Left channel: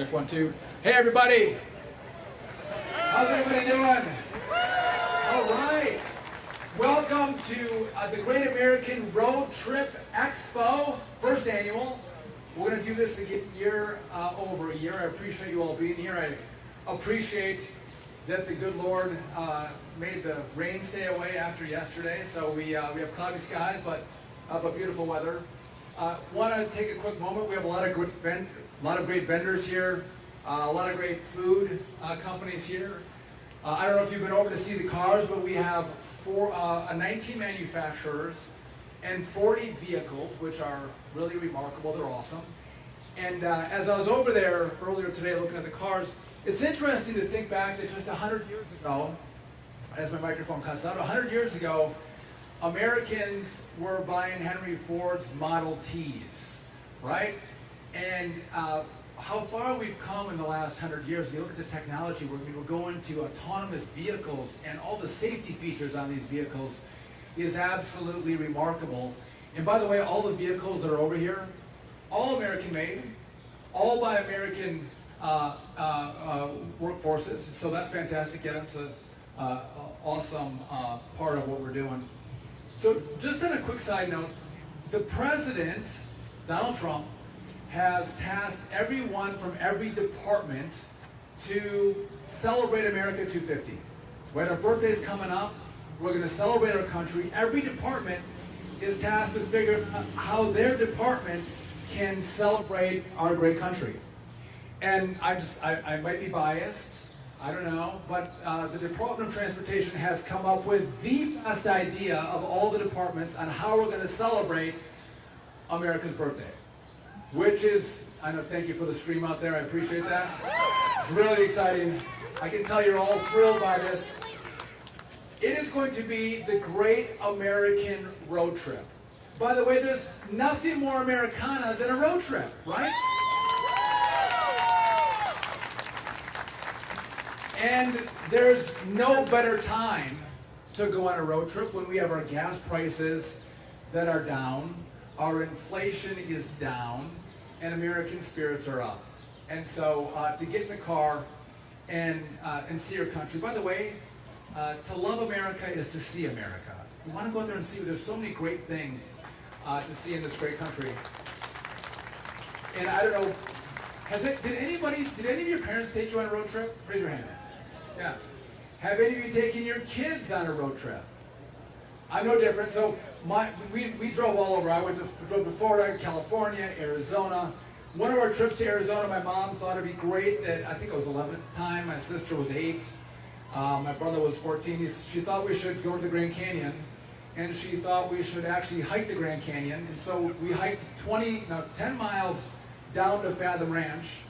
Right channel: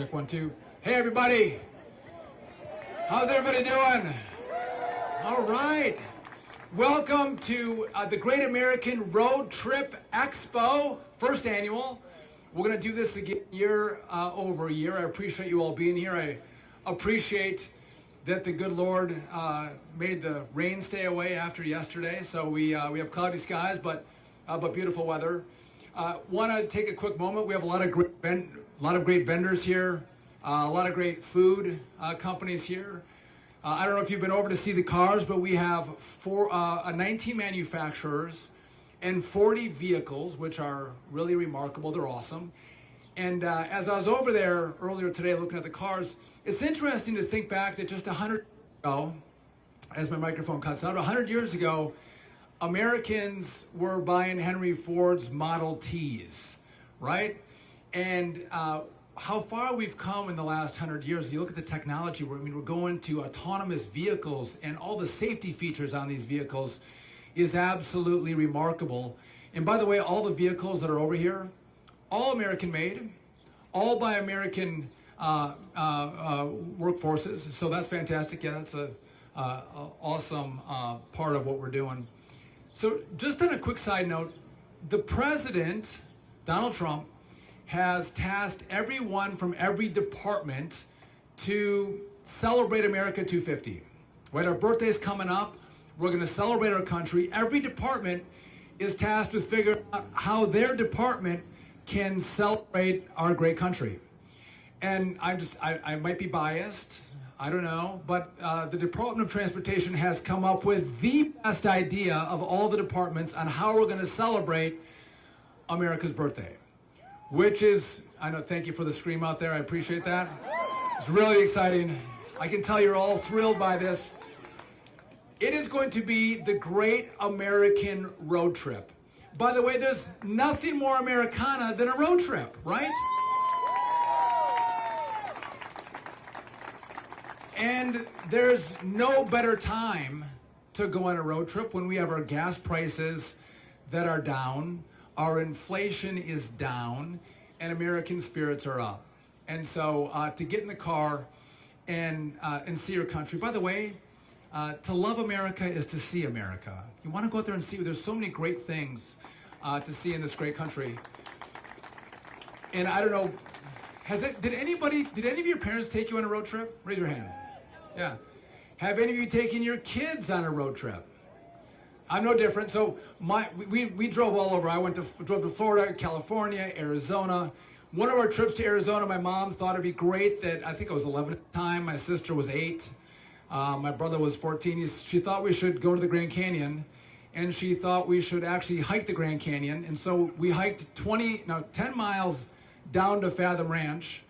Check 1, 2. Hey everybody! How's everybody doing? All right. Welcome to the Great American Road Trip Expo, first annual. We're going to do this again year over year. I appreciate you all being here. I appreciate that the good Lord made the rain stay away after yesterday. So we have cloudy skies, but beautiful weather. Want to take a quick moment. We have a lot of great vendors here, a lot of great food companies here. I don't know if you've been over to see the cars, but we have 19 manufacturers and 40 vehicles, which are really remarkable. They're awesome. And as I was over there earlier today looking at the cars, it's interesting to think back that just 100 years ago, as my microphone cuts out, 100 years ago, Americans were buying Henry Ford's Model Ts, right? And how far we've come in the last 100 years. You look at the technology, we're going to autonomous vehicles, and all the safety features on these vehicles is absolutely remarkable. And by the way, all the vehicles that are over here, all American made, all by American workforces. So that's fantastic. Yeah, it's an awesome part of what we're doing. So just on a quick side note, the president, Donald Trump, has tasked everyone from every department to celebrate America 250. When our birthday's coming up, we're going to celebrate our country. Every department is tasked with figuring out how their department can celebrate our great country. And I might be biased, I don't know, but the Department of Transportation has come up with the best idea of all the departments on how we're going to celebrate America's birthday. Which is, I know, thank you for the scream out there, I appreciate that. It's really exciting. I can tell you're all thrilled by this. It is going to be the Great American Road Trip. By the way, there's nothing more Americana than a road trip, right? And there's no better time to go on a road trip when we have our gas prices that are down, our inflation is down, and American spirits are up. And so to get in the car and see your country. By the way, to love America is to see America. You want to go out there and see. There's so many great things to see in this great country. And I don't know, did any of your parents take you on a road trip? Raise your hand. Yeah. Have any of you taken your kids on a road trip? I'm no different. So we drove all over. I drove to Florida, California, Arizona. One of our trips to Arizona, my mom thought it'd be great that, I think I was 11 at the time, my sister was 8, my brother was 14. She thought we should go to the Grand Canyon, and she thought we should actually hike the Grand Canyon. And so we hiked 10 miles down to Fathom Ranch.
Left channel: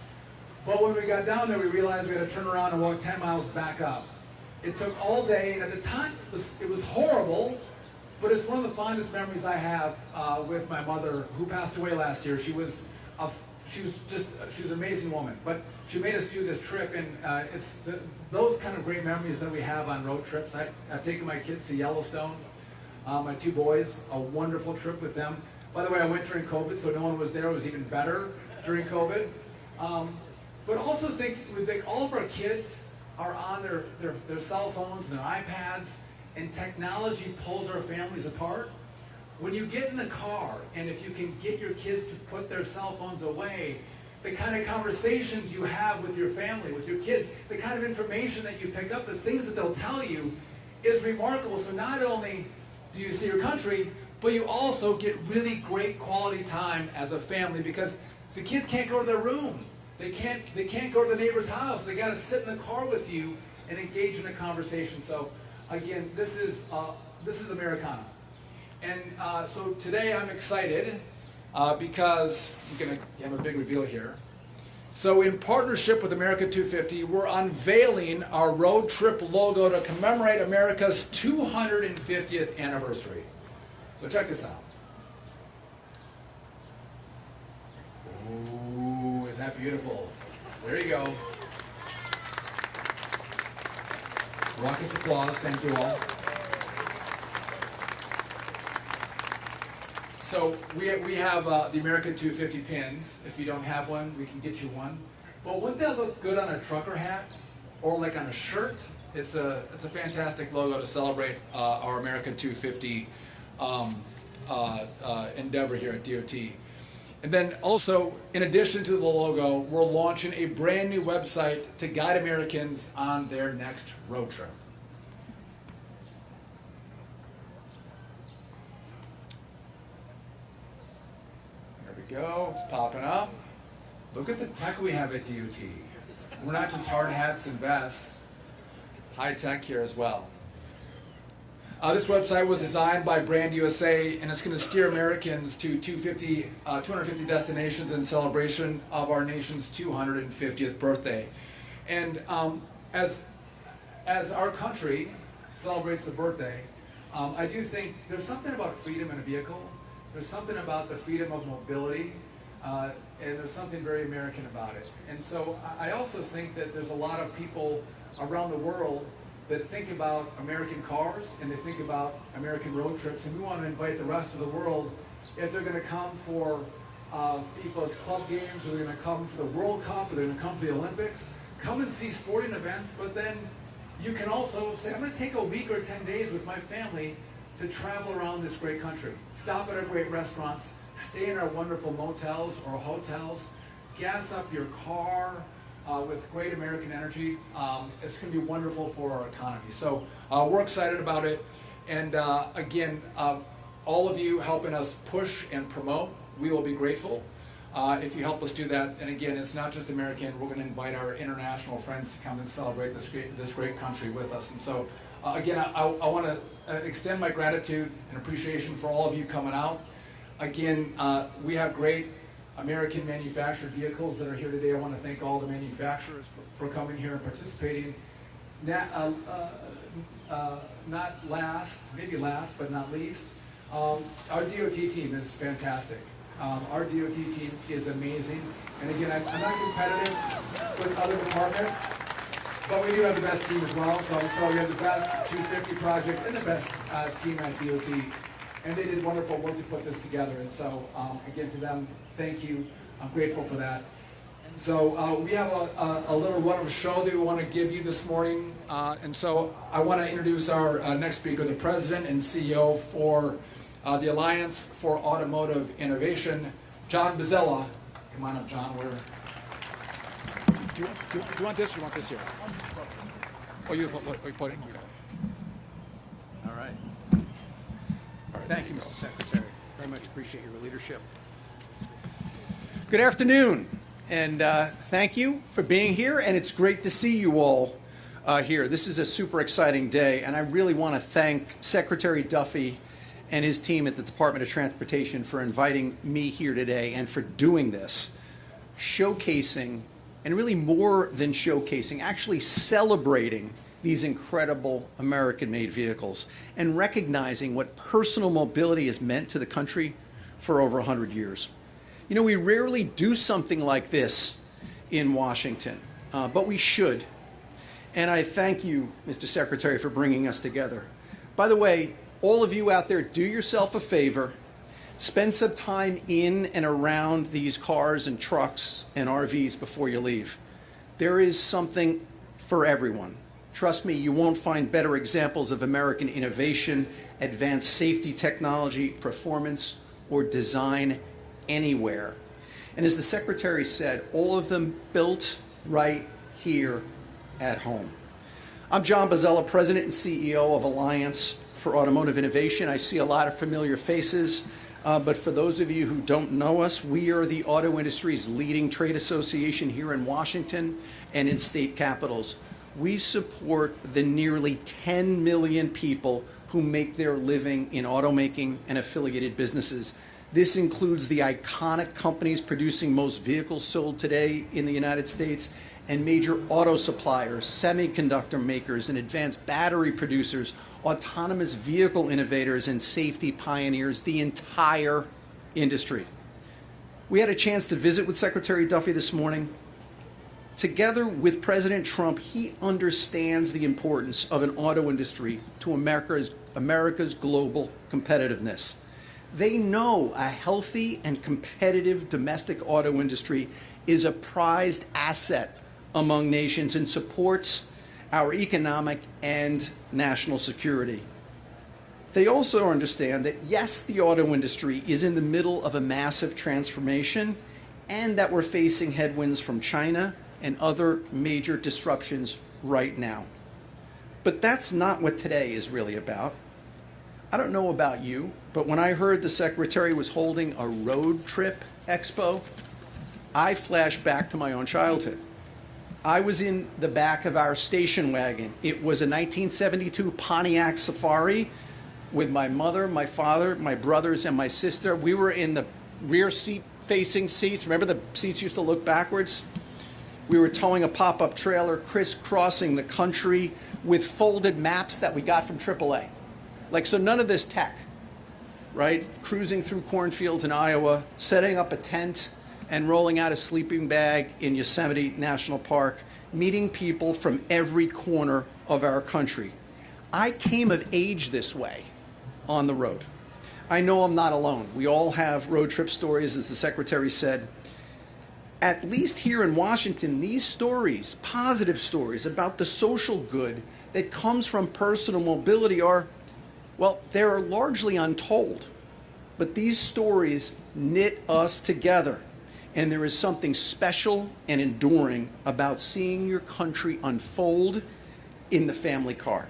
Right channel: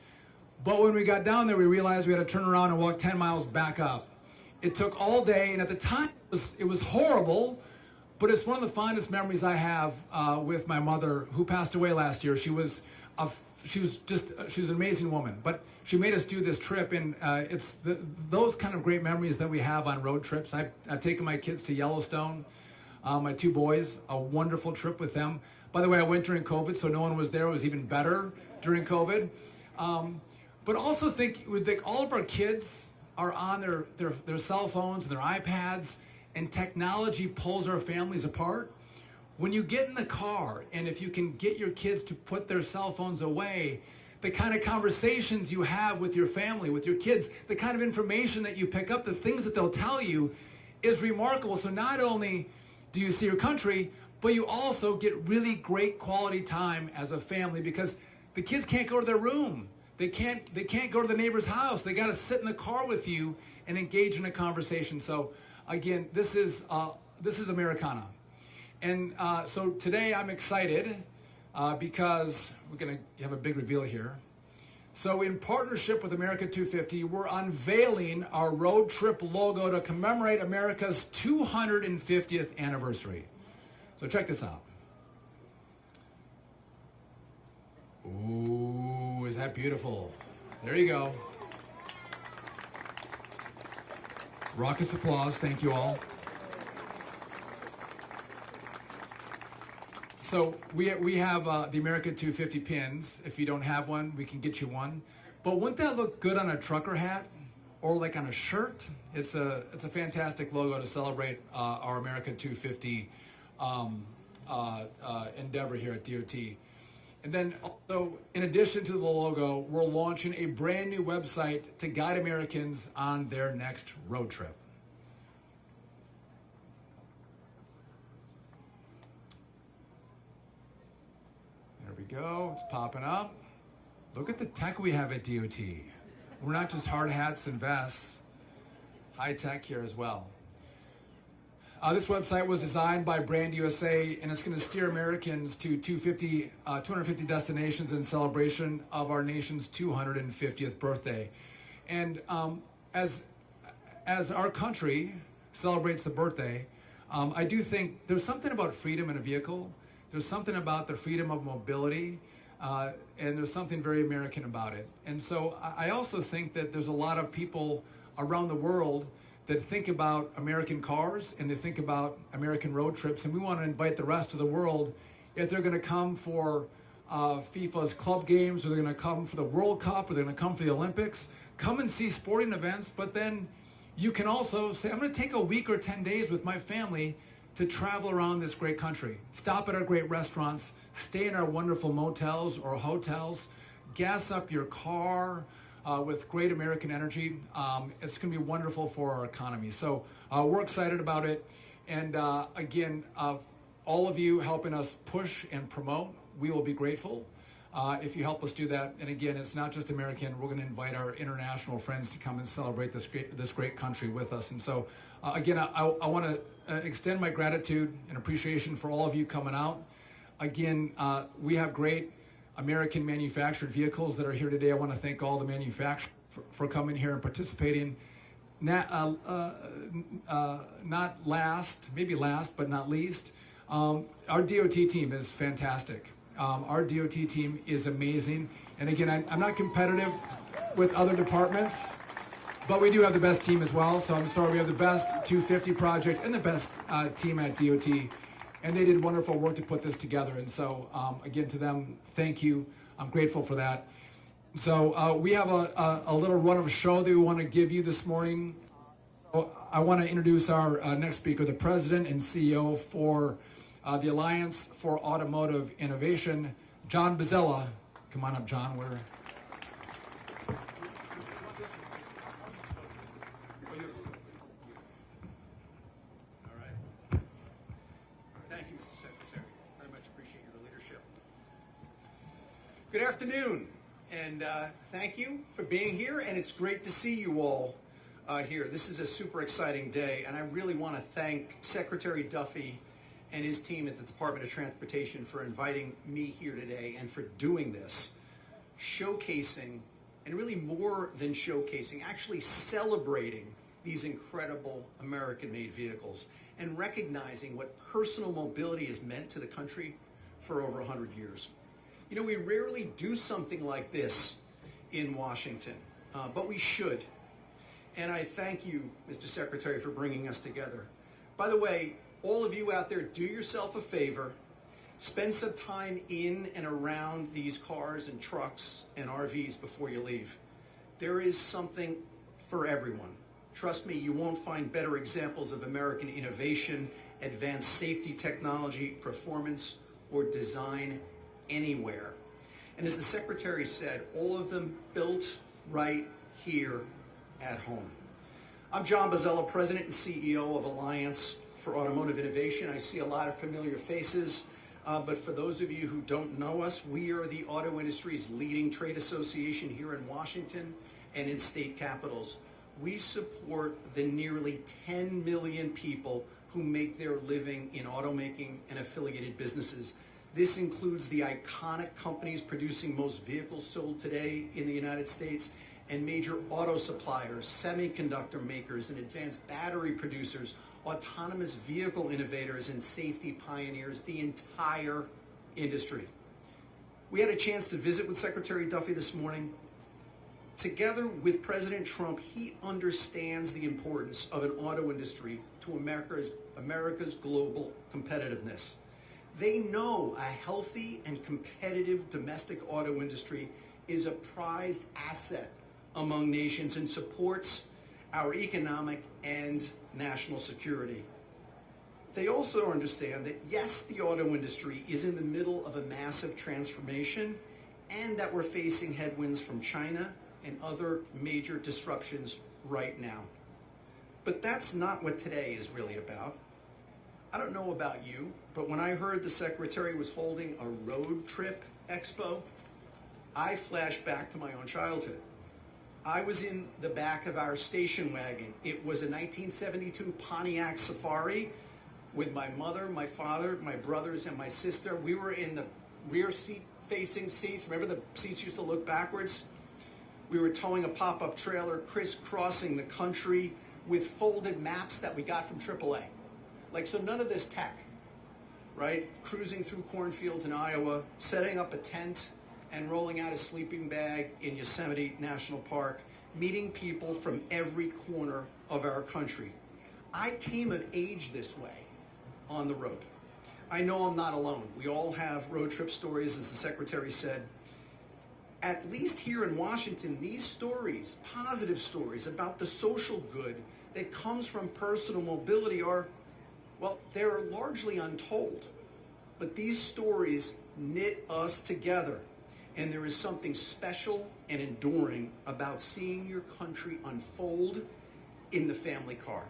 But when we got down there, we realized we had to turn around and walk 10 miles back up. It took all day, and at the time, it was horrible. But it's one of the fondest memories I have with my mother, who passed away last year. She was an amazing woman. But she made us do this trip, and it's those kind of great memories that we have on road trips. I've taken my kids to Yellowstone, my 2 boys, a wonderful trip with them. By the way, I went during COVID, so no one was there. It was even better during COVID. But also think all of our kids are on their cell phones and their iPads, and technology pulls our families apart. When you get in the car, and if you can get your kids to put their cell phones away, the kind of conversations you have with your family, with your kids, the kind of information that you pick up, the things that they'll tell you is remarkable. So not only do you see your country, but you also get really great quality time as a family, because the kids can't go to their room. They can't go to the neighbor's house. They got to sit in the car with you and engage in a conversation. So again, this is Americana. And so today I'm excited because we're going to have a big reveal here. So in partnership with America 250, we're unveiling our road trip logo to commemorate America's 250th anniversary. So check this out. Ooh, is that beautiful? There you go. Raucous applause, thank you all. So we have the America 250 pins. If you don't have one, we can get you one. But wouldn't that look good on a trucker hat or like on a shirt? It's a fantastic logo to celebrate our American 250 endeavor here at DOT. And then also, in addition to the logo, we're launching a brand new website to guide Americans on their next road trip. There we go, it's popping up. Look at the tech we have at DOT. We're not just hard hats and vests, high tech here as well. This website was designed by Brand USA, and it's going to steer Americans to 250 destinations in celebration of our nation's 250th birthday. And as our country celebrates the birthday, I do think there's something about freedom in a vehicle. There's something about the freedom of mobility, and there's something very American about it. And so I also think that there's a lot of people around the world that think about American cars and they think about American road trips, and we want to invite the rest of the world, if they're going to come for FIFA's club games, or they're going to come for the World Cup, or they're going to come for the Olympics, come and see sporting events. But then you can also say, I'm going to take a week or 10 days with my family to travel around this great country, stop at our great restaurants, stay in our wonderful motels or hotels, gas up your car with great American energy. It's going to be wonderful for our economy. So we're excited about it. And again, all of you helping us push and promote, we will be grateful if you help us do that. And again, it's not just American. We're going to invite our international friends to come and celebrate this great country with us. And so again, I want to extend my gratitude and appreciation for all of you coming out. Again, we have great American manufactured vehicles that are here today. I want to thank all the manufacturers for coming here and participating. Not last, maybe last, but not least, our DOT team is fantastic. Our DOT team is amazing. And again, I'm not competitive with other departments, but we do have the best team as well. So I'm sorry, we have the best 250 project and the best team at DOT. And they did wonderful work to put this together. And so, again, to them, thank you. I'm grateful for that. So we have a little run of a show that we want to give you this morning. And so I want to introduce our next speaker, the president and CEO for the Alliance for Automotive Innovation, John Bozzella. Come on up, John. Do you want this or you want this here? Oh, you put it? Okay. All right. Thank you, Mr. Secretary. Very much appreciate your leadership. Good afternoon, and thank you for being here, and it's great to see you all here. This is a super exciting day, and I really want to thank Secretary Duffy and his team at the Department of Transportation for inviting me here today and for doing this, showcasing, and really more than showcasing, actually celebrating these incredible American-made vehicles and recognizing what personal mobility has meant to the country for over 100 years. You know, we rarely do something like this in Washington, but we should. And I thank you, Mr. Secretary, for bringing us together. By the way, all of you out there, do yourself a favor. Spend some time in and around these cars and trucks and RVs before you leave. There is something for everyone. Trust me, you won't find better examples of American innovation, advanced safety technology, performance, or design anywhere. And as the Secretary said, all of them built right here at home. I'm John Bozzella, President and CEO of Alliance for Automotive Innovation. I see a lot of familiar faces, but for those of you who don't know us, we are the auto industry's leading trade association here in Washington and in state capitals. We support the nearly 10 million people who make their living in automaking and affiliated businesses. This includes the iconic companies producing most vehicles sold today in the United States and major auto suppliers, semiconductor makers, and advanced battery producers, autonomous vehicle innovators, and safety pioneers, the entire industry. We had a chance to visit with Secretary Duffy this morning. Together with President Trump, he understands the importance of an auto industry to America's global competitiveness. They know a healthy and competitive domestic auto industry is a prized asset among nations and supports our economic and national security. They also understand that, yes, the auto industry is in the middle of a massive transformation and that we're facing headwinds from China and other major disruptions right now. But that's not what today is really about. I don't know about you, but when I heard the Secretary was holding a road trip expo, I flashed back to my own childhood. I was in the back of our station wagon. It was a 1972 Pontiac Safari with my mother, my father, my brothers, and my sister. We were in the rear seat facing seats. Remember the seats used to look backwards? We were towing a pop-up trailer, crisscrossing the country with folded maps that we got from AAA. Like, so none of this tech, right? Cruising through cornfields in Iowa, setting up a tent and rolling out a sleeping bag in Yosemite National Park, meeting people from every corner of our country. I came of age this way on the road. I know I'm not alone. We all have road trip stories, as the Secretary said. At least here in Washington, these stories, positive stories about the social good that comes from personal mobility are, well, they're largely untold. But these stories knit us together. And there is something special and enduring about seeing your country unfold in the family car.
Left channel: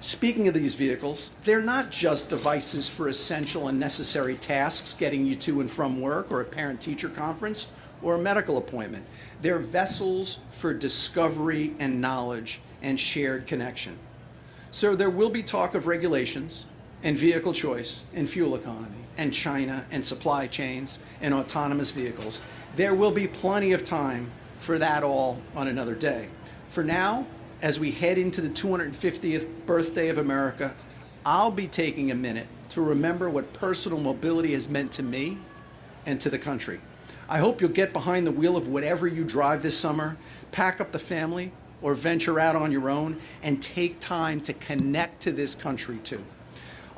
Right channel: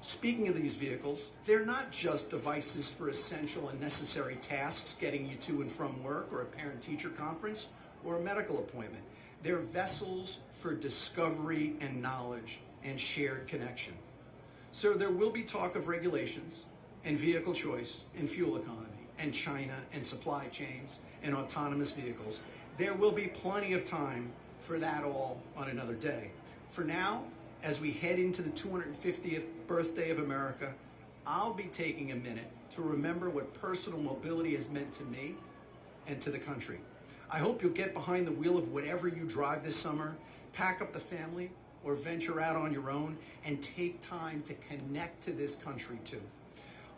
Speaking of these vehicles, they're not just devices for essential and necessary tasks, getting you to and from work or a parent-teacher conference or a medical appointment. They're vessels for discovery and knowledge and shared connection. So there will be talk of regulations and vehicle choice and fuel economy and China and supply chains and autonomous vehicles. There will be plenty of time for that all on another day. For now, as we head into the 250th birthday of America, I'll be taking a minute to remember what personal mobility has meant to me and to the country. I hope you'll get behind the wheel of whatever you drive this summer, pack up the family, or venture out on your own and take time to connect to this country too.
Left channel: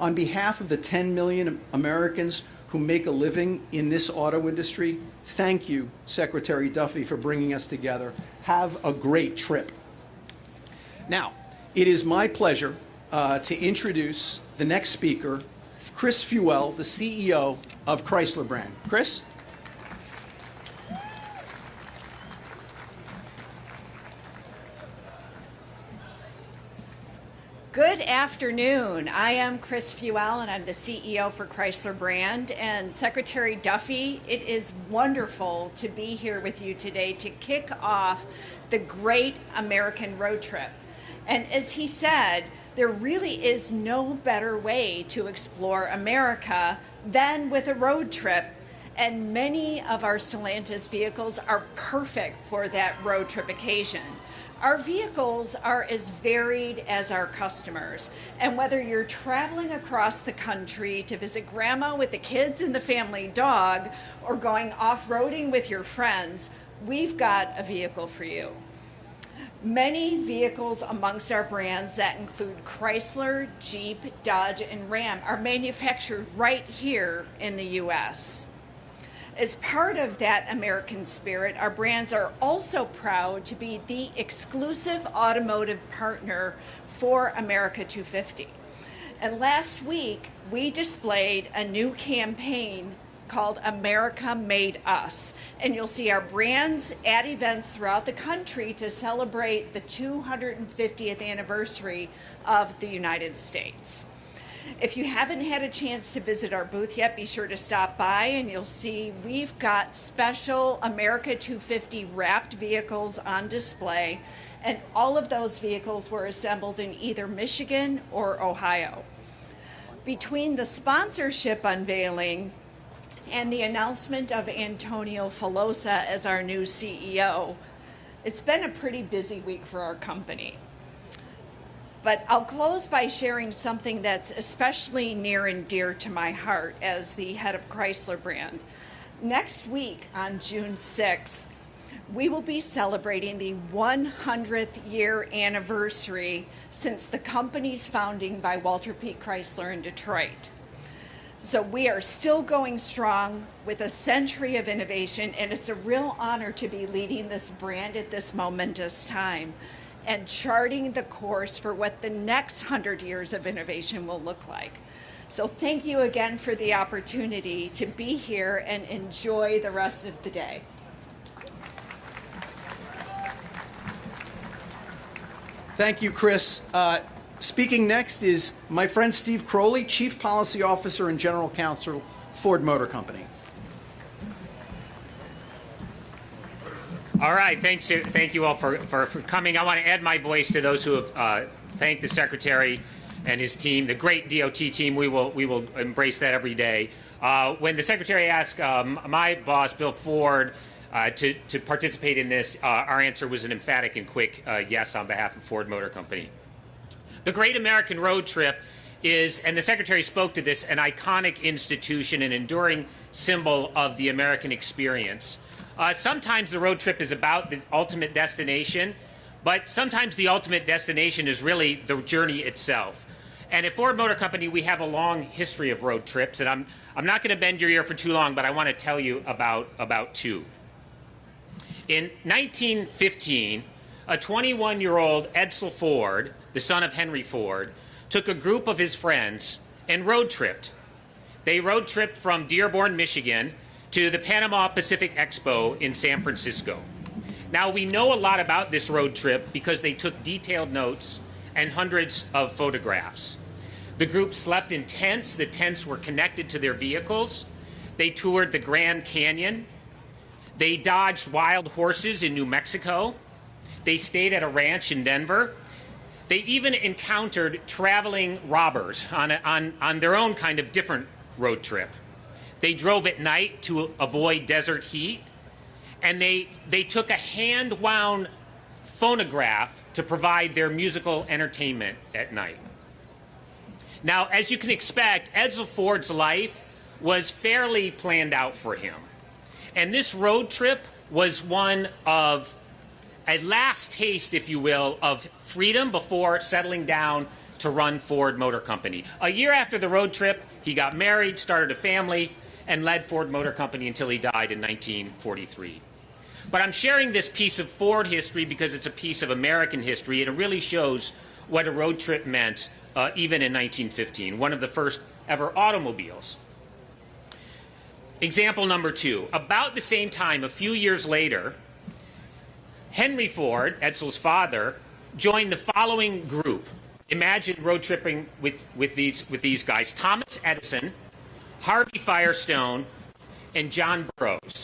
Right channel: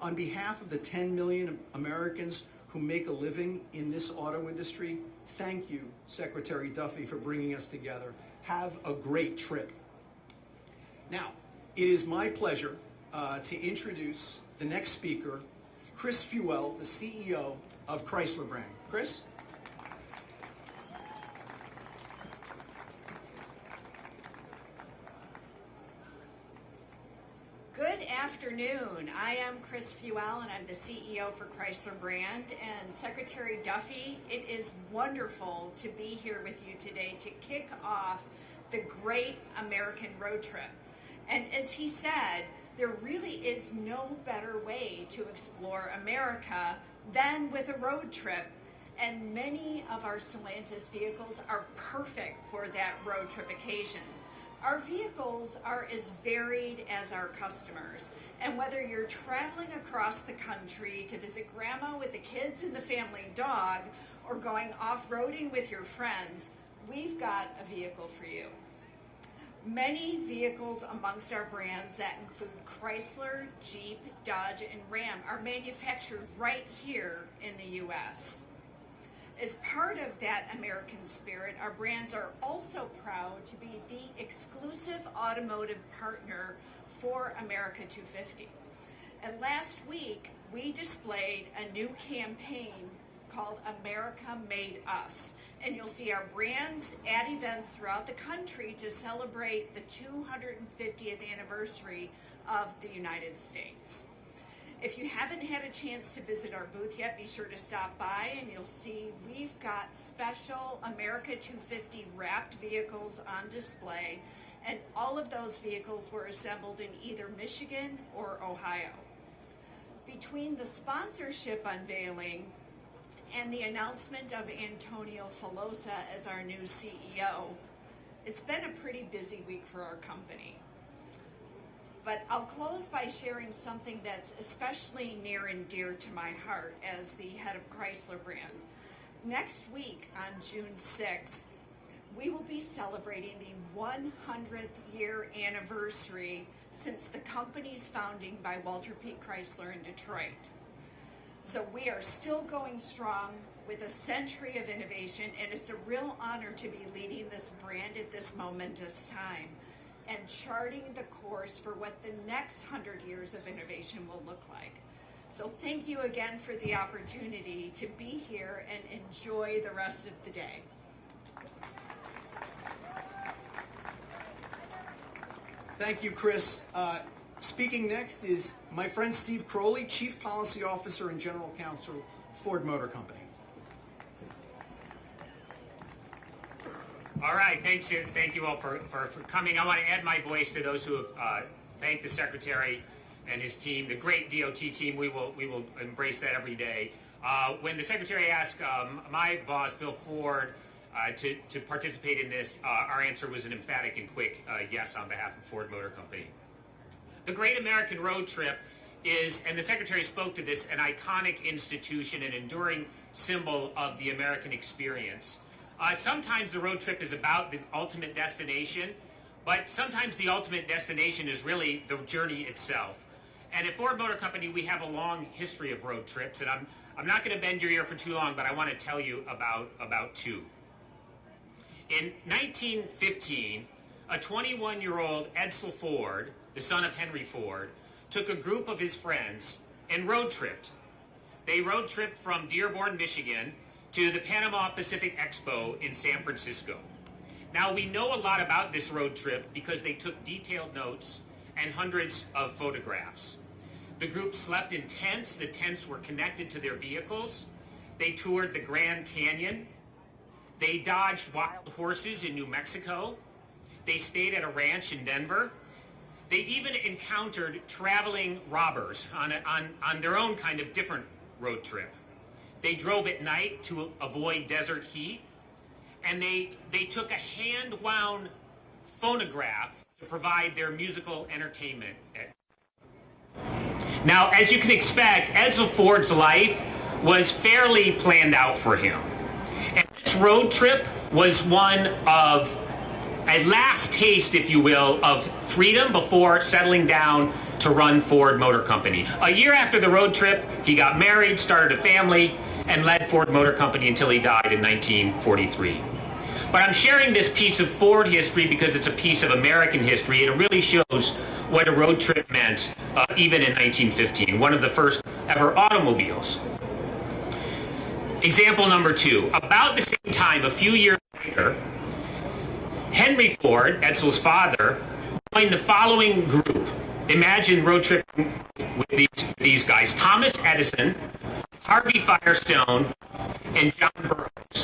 On behalf of the 10 million Americans who make a living in this auto industry, thank you, Secretary Duffy, for bringing us together. Have a great trip. Now, it is my pleasure to introduce the next speaker, Chris Fuel, the CEO of Chrysler brand. Chris? Good afternoon. I am Chris Fuel, and I'm the CEO for Chrysler brand. And Secretary Duffy, it is wonderful to be here with you today to kick off the great American road trip. And as he said, there really is no better way to explore America than with a road trip. And many of our Stellantis vehicles are perfect for that road trip occasion. Our vehicles are as varied as our customers, and whether you're traveling across the country to visit grandma with the kids and the family dog, or going off-roading with your friends, we've got a vehicle for you. Many vehicles amongst our brands that include Chrysler, Jeep, Dodge, and Ram are manufactured right here in the U.S. As part of that American spirit, our brands are also proud to be the exclusive automotive partner for America 250. And last week, we displayed a new campaign called America Made Us. And you'll see our brands at events throughout the country to celebrate the 250th anniversary of the United States. If you haven't had a chance to visit our booth yet, be sure to stop by and you'll see we've got special America 250 wrapped vehicles on display, and all of those vehicles were assembled in either Michigan or Ohio. Between the sponsorship unveiling and the announcement of Antonio Filosa as our new CEO, it's been a pretty busy week for our company. But I'll close by sharing something that's especially near and dear to my heart as the head of Chrysler brand. Next week, on June 6th, we will be celebrating the 100th year anniversary since the company's founding by Walter P. Chrysler in Detroit. So we are still going strong with a century of innovation, and it's a real honor to be leading this brand at this momentous time and charting the course for what the next 100 years of innovation will look like. So thank you again for the opportunity to be here and enjoy the rest of the day. Thank you, Chris. Speaking next is my friend Steve Crowley, Chief Policy Officer and General Counsel, Ford Motor Company. All right, thanks. Thank you all for coming. I want to add my voice to those who have thanked the Secretary and his team, the great DOT team. We will embrace that every day. When the Secretary asked my boss, Bill Ford, to participate in this, our answer was an emphatic and quick yes on behalf of Ford Motor Company. The Great American Road Trip is, and the Secretary spoke to this, an iconic institution, an enduring symbol of the American experience. Sometimes the road trip is about the ultimate destination, but sometimes the ultimate destination is really the journey itself. And at Ford Motor Company, we have a long history of road trips, and I'm not going to bend your ear for too long, but I want to tell you about two. In 1915, a 21-year-old Edsel Ford, the son of Henry Ford, took a group of his friends and road tripped. They road tripped from Dearborn, Michigan, to the Panama Pacific Expo in San Francisco. Now, we know a lot about this road trip because they took detailed notes and hundreds of photographs. The group slept in tents. The tents were connected to their vehicles. They toured the Grand Canyon. They dodged wild horses in New Mexico. They stayed at a ranch in Denver. They even encountered traveling robbers on their own kind of different road trip. They drove at night to avoid desert heat, and they took a hand-wound phonograph to provide their musical entertainment at night. Now, as you can expect, Edsel Ford's life was fairly planned out for him. And this road trip was one of a last taste, if you will, of freedom before settling down to run Ford Motor Company. A year after the road trip, he got married, started a family, and led Ford Motor Company until he died in 1943. But I'm sharing this piece of Ford history because it's a piece of American history, and it really shows what a road trip meant even in 1915, one of the first ever automobiles. Example number two. About the same time, a few years later, Henry Ford, Edsel's father, joined the following group. Imagine road tripping with these guys: Thomas Edison, Harvey Firestone, and John Burroughs.